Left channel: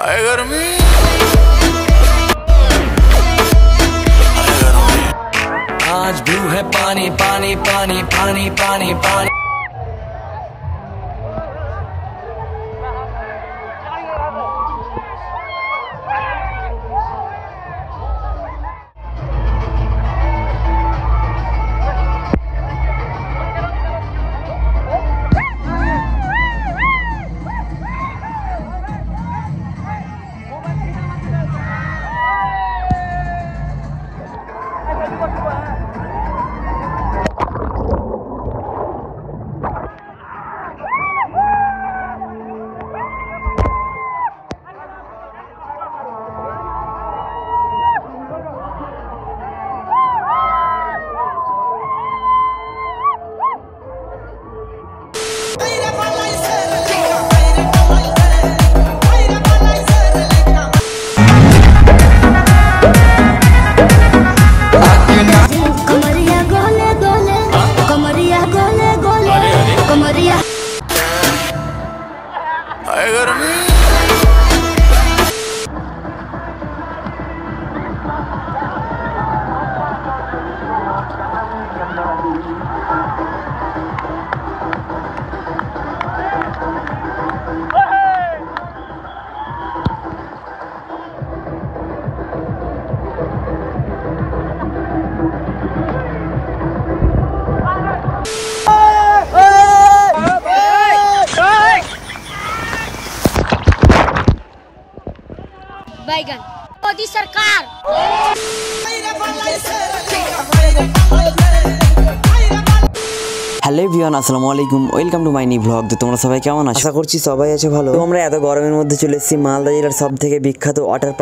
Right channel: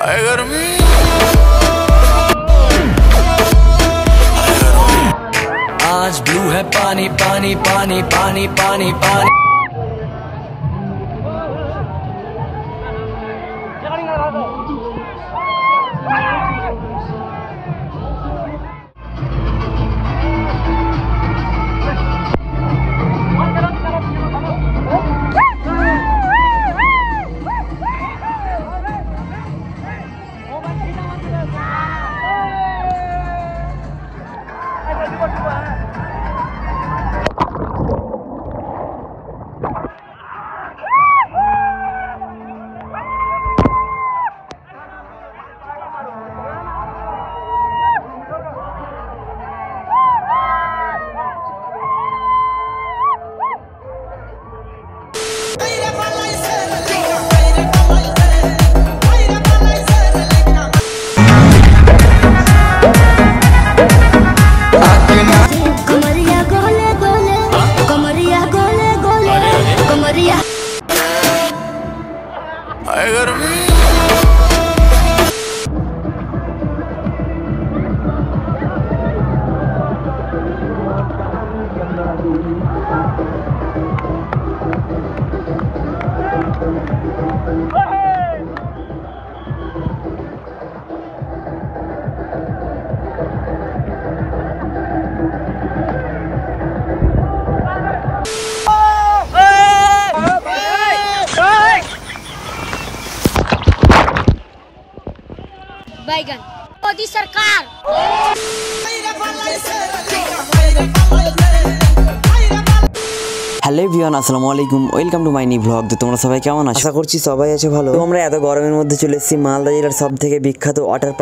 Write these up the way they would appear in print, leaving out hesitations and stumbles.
हाय गर्मी आज ब्लू है पानी पानी पानी पानी पानी पानी। हाय गर्मी बैगन मोदी सरकार। হ্যালো এভরিওয়ান, আসসালামু আলাইকুম, welcome to my new blog. তো তোমরা সবাই কেমন আছো? আশা করছি সবাই আছে ভালো। তো আমরা এত গরমের মধ্যে চলে এসেছি মালদা জেলার সব থেকে বিখ্যাত ওয়াটার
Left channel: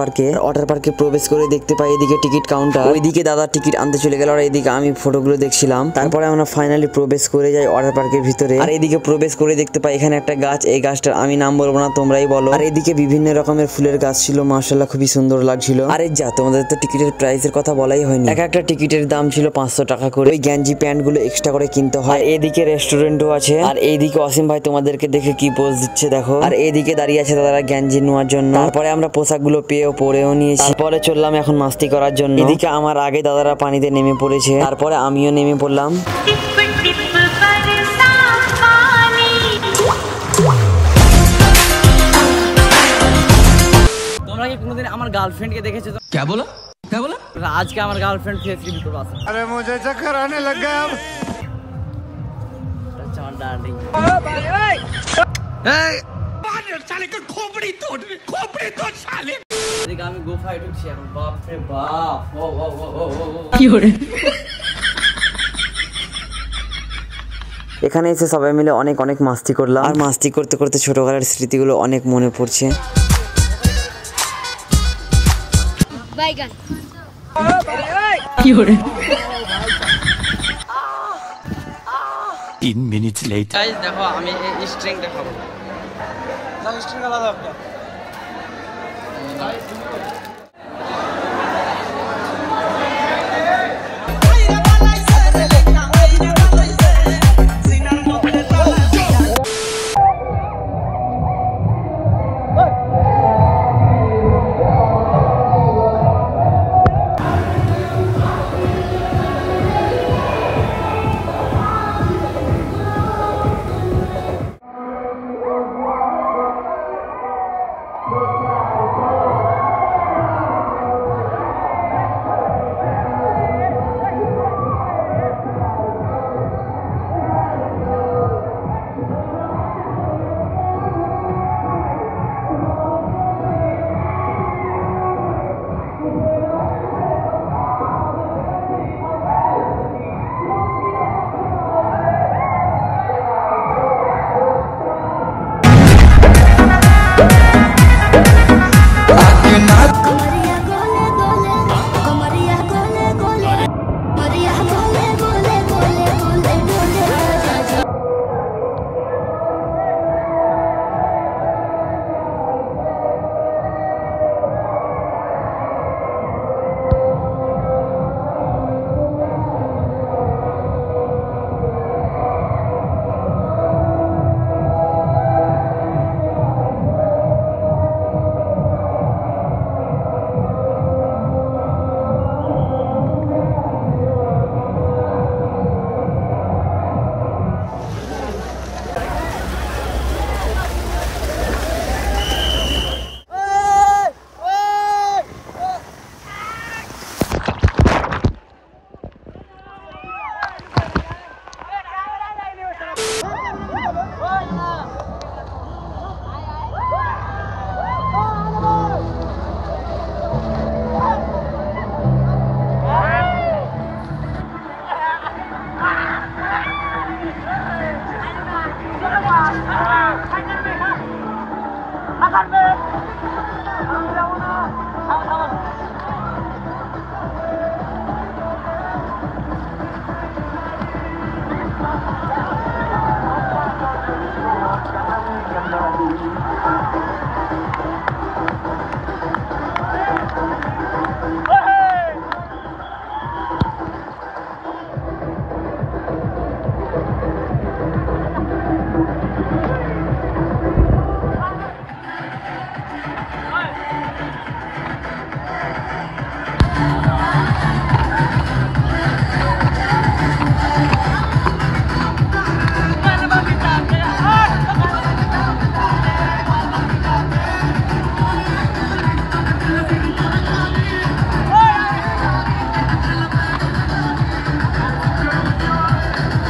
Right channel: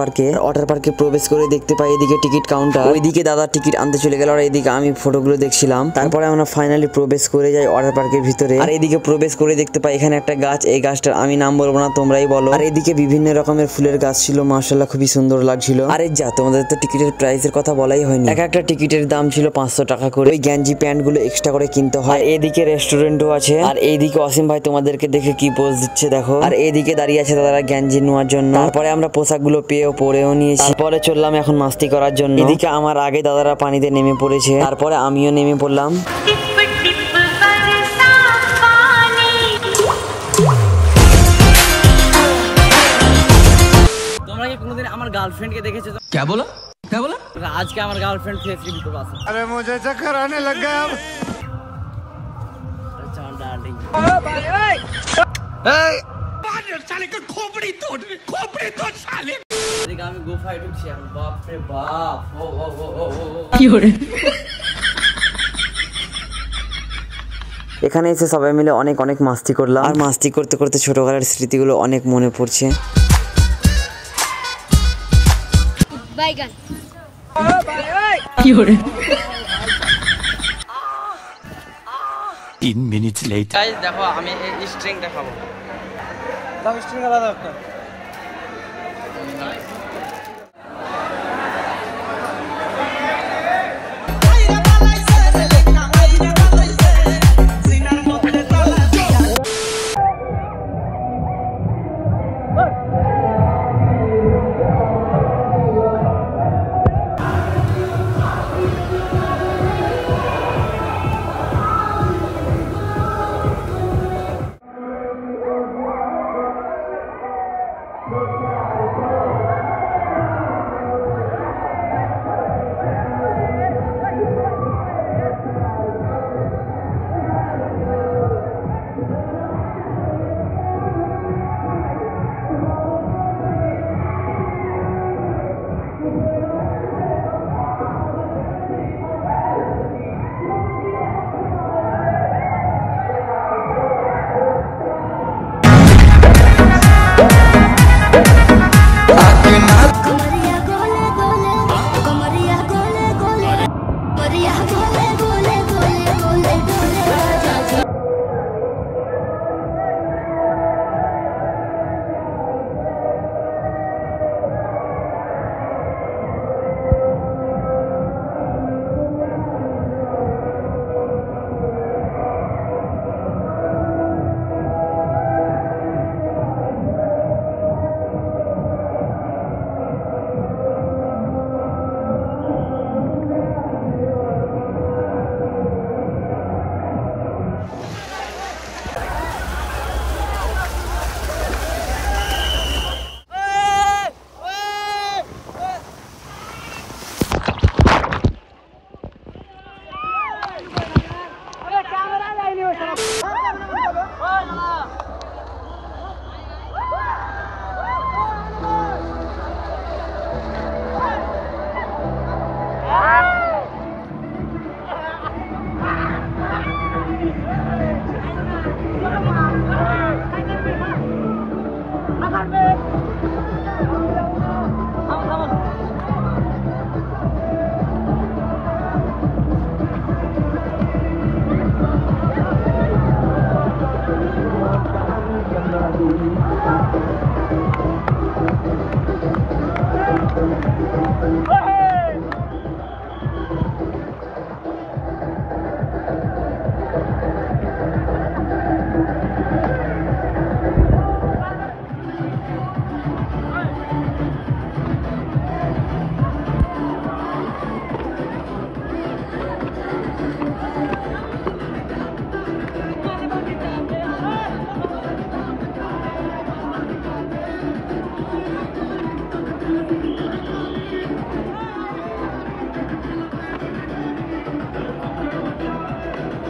পার্কে প্রবেশ করে দেখতে পাই এদিকে টিকিট কাউন্টার, ওইদিকে দাদা টিকিট আনতে চলে গেল আর এদিকে আমি ফটোগুলো দেখছিলাম। তারপরে আমরা ফাইনালি প্রবেশ করে যাই ওয়াটার পার্কের ভিতরে। আর এদিকে প্রবেশ করে দেখতে পাই এখানে একটা গাছ, এই গাছটার আমি নাম বলবো না, তোমরাই বলো। আর এদিকে বিভিন্ন রকমের ফুলের গাছ ছিল, মাশাআল্লাহ খুবই সুন্দর লাগছিল। আরে যা, তোমাদের তো টিকিটের প্রাইসের কথা বলাই হয়নি। এক একটা টিকিটের দাম ছিল 500 টাকা করে। ওই গেঞ্জি প্যান্ট গুলো এক্সট্রা করে কিনতে হয়। এদিকে রেস্টুরেন্ট আছে আর এইদিকে অসীম ভাই তোমাদেরকে দেখে কি পোজ দিচ্ছে দেখো। আর এইদিকে দাঁড়িয়ে আছে দাদারা গেঞ্জি নেওয়ার জন্য। তারপরে আমরা পোশাকগুলো পরেও নিয়েছি। তারপরে চললাম এখন মাস্তি করার জন্য। এদিকে আমার আগে দাদারা পানিতে নেমে পড়েছে, তারপরে আমিও নেমে পড়লাম। তোমরা কি কোনোদিন আমার গার্লফ্রেন্ডকে দেখেছো? क्या बोला क्या बोला? আজকে আমার গার্লফ্রেন্ড ফেস রিভিল করবে। अरे मुझे चक्कर आने लग गया अब। আমি গুফায় ঢুকছি এখন। বাপ রে বাপ, এখানে এসে সবাই মিলে অনেক অনেক মাস্তি করলাম। আর মাস্তি করতে করতে ছোটবেলার স্মৃতিগুলো অনেক মনে পড়ছে। बैगन 3 minutes later. গাইস দেখো, আমি এই স্ট্রিং দেখাবো। স্ট্রিং আলাদা একটা।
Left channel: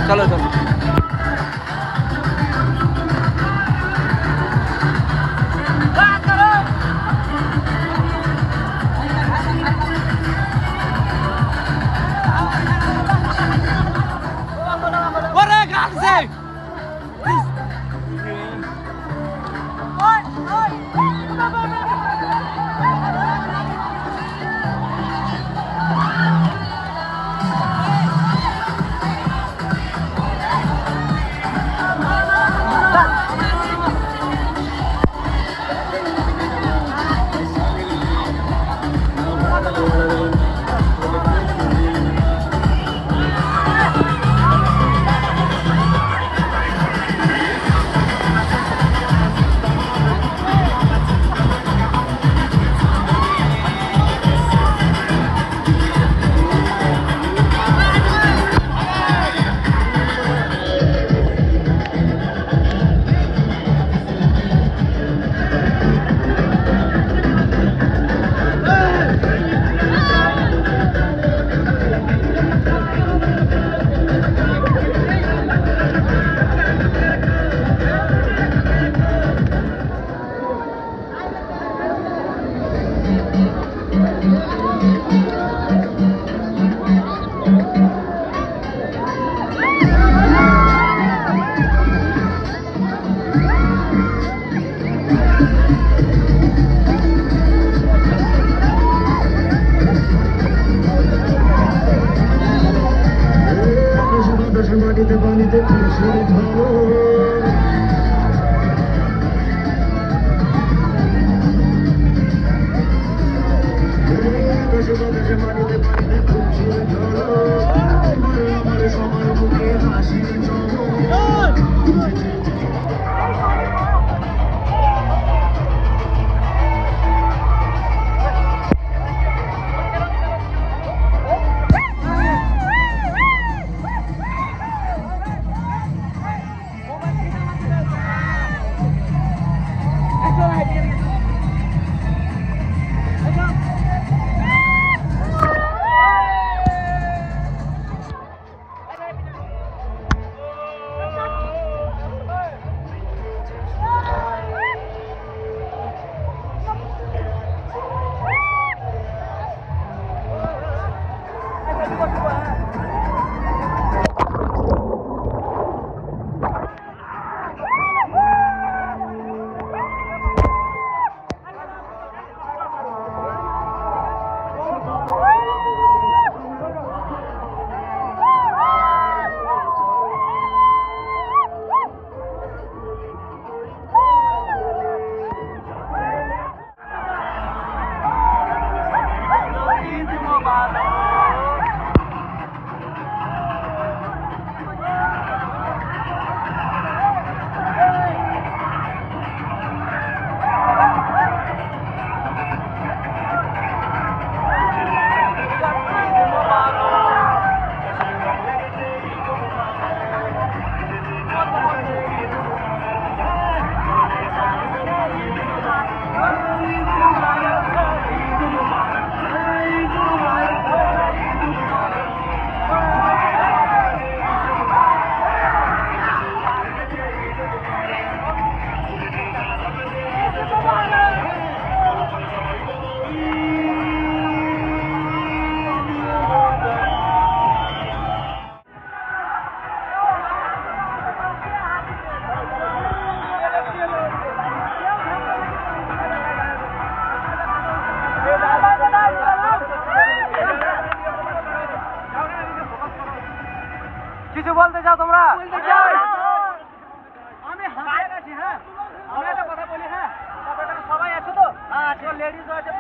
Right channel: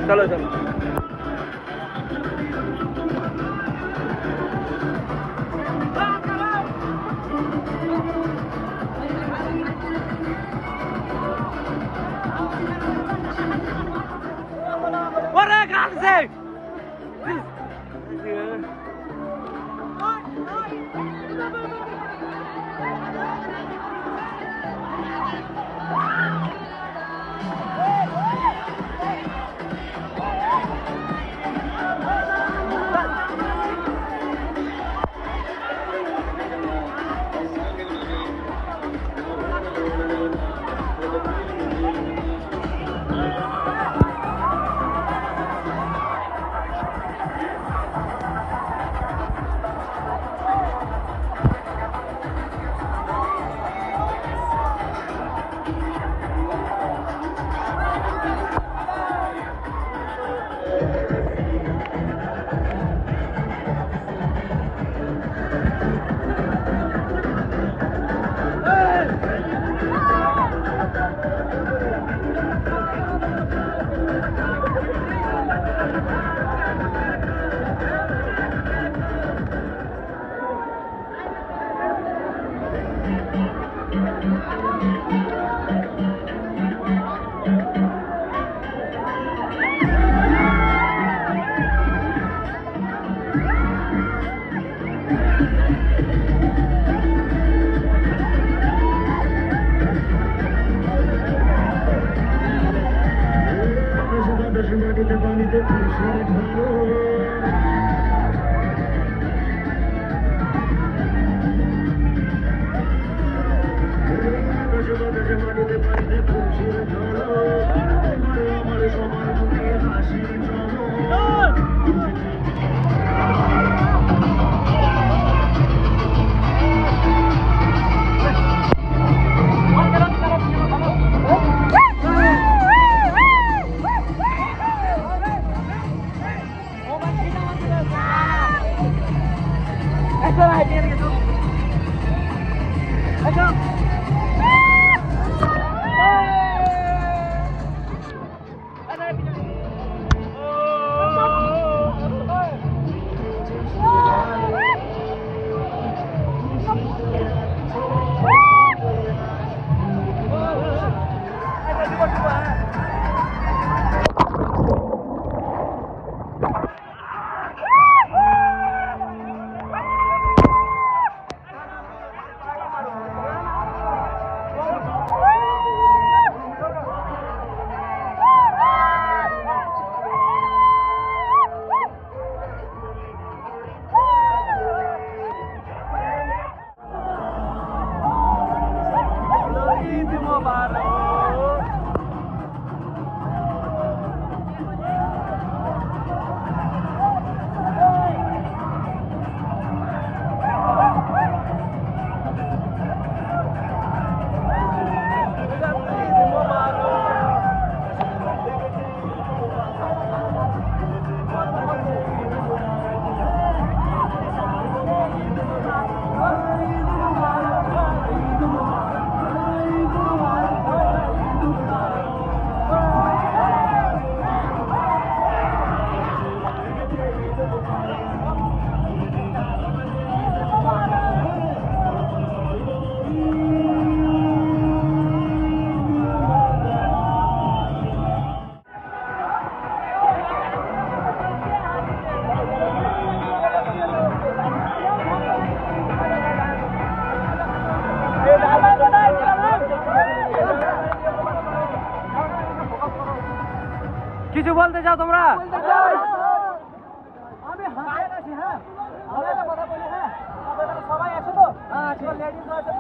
चलो चलो কিছু বলতে চাও তোমরা? আমি হাতে আছি। হ্যাঁ, আমি একটা কথা বলি। হ্যাঁ, আপনারা সবাই আছো তো? হ্যাঁ, আছি। লেডিস আছে।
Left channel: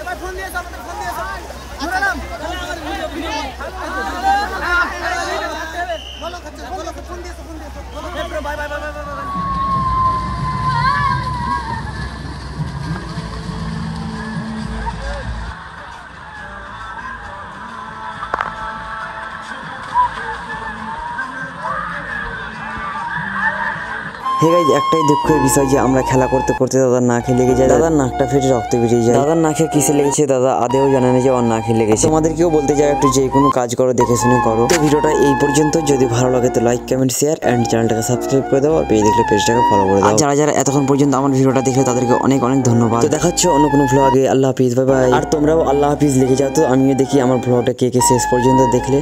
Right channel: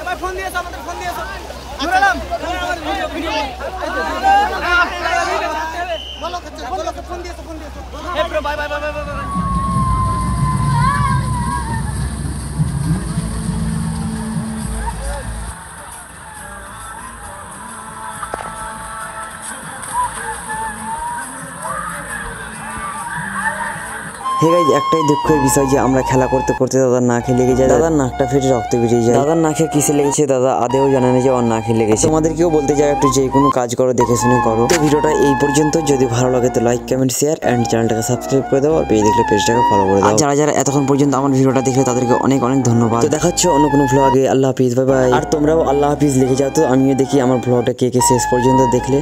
এ ভাই ফোন দিয়েছ, আমাদের ফোন দিয়েছ। জুড়ালাম ফোন দিয়েছ। Bye bye bye bye bye. Hey guys, একটাই দুঃখের বিষয় যে আমরা খেলা করতে করতে দাদার নাকে লেগে যায়। দাদার নাকটা ফেটে রক্ত বেরিয়ে যায়। দাদার নাকে কিসে লেগেছে দাদা আদেও জানে না যে ওর নাকে লেগেছে। তোমাদেরকেও বলতে চাই একটু যে কোনো কাজ করো দেখে শুনে করো। তো ভিডিওটা এই পর্যন্ত। যদি ভালো লাগে তো লাইক কমেন্ট শেয়ার এন্ড চ্যানেলটাকে সাবস্ক্রাইব করে দাও। আর পেজ দেখলে পেজটাকে ফলো করে দাও। আর যারা যারা এতক্ষণ পর্যন্ত আমার ভিডিওটা দেখলে তাদেরকে অনেক অনেক ধন্যবাদ। তো দেখা হচ্ছে অন্য কোনো ভ্লগে। আল্লাহ হাফিজ, বাই বাই। আর তোমরাও আল্লাহ হাফিজ লিখে যাও তো আমিও দেখি আমার ভ্লগটা কে কে শেষ পর্যন্ত দেখলে।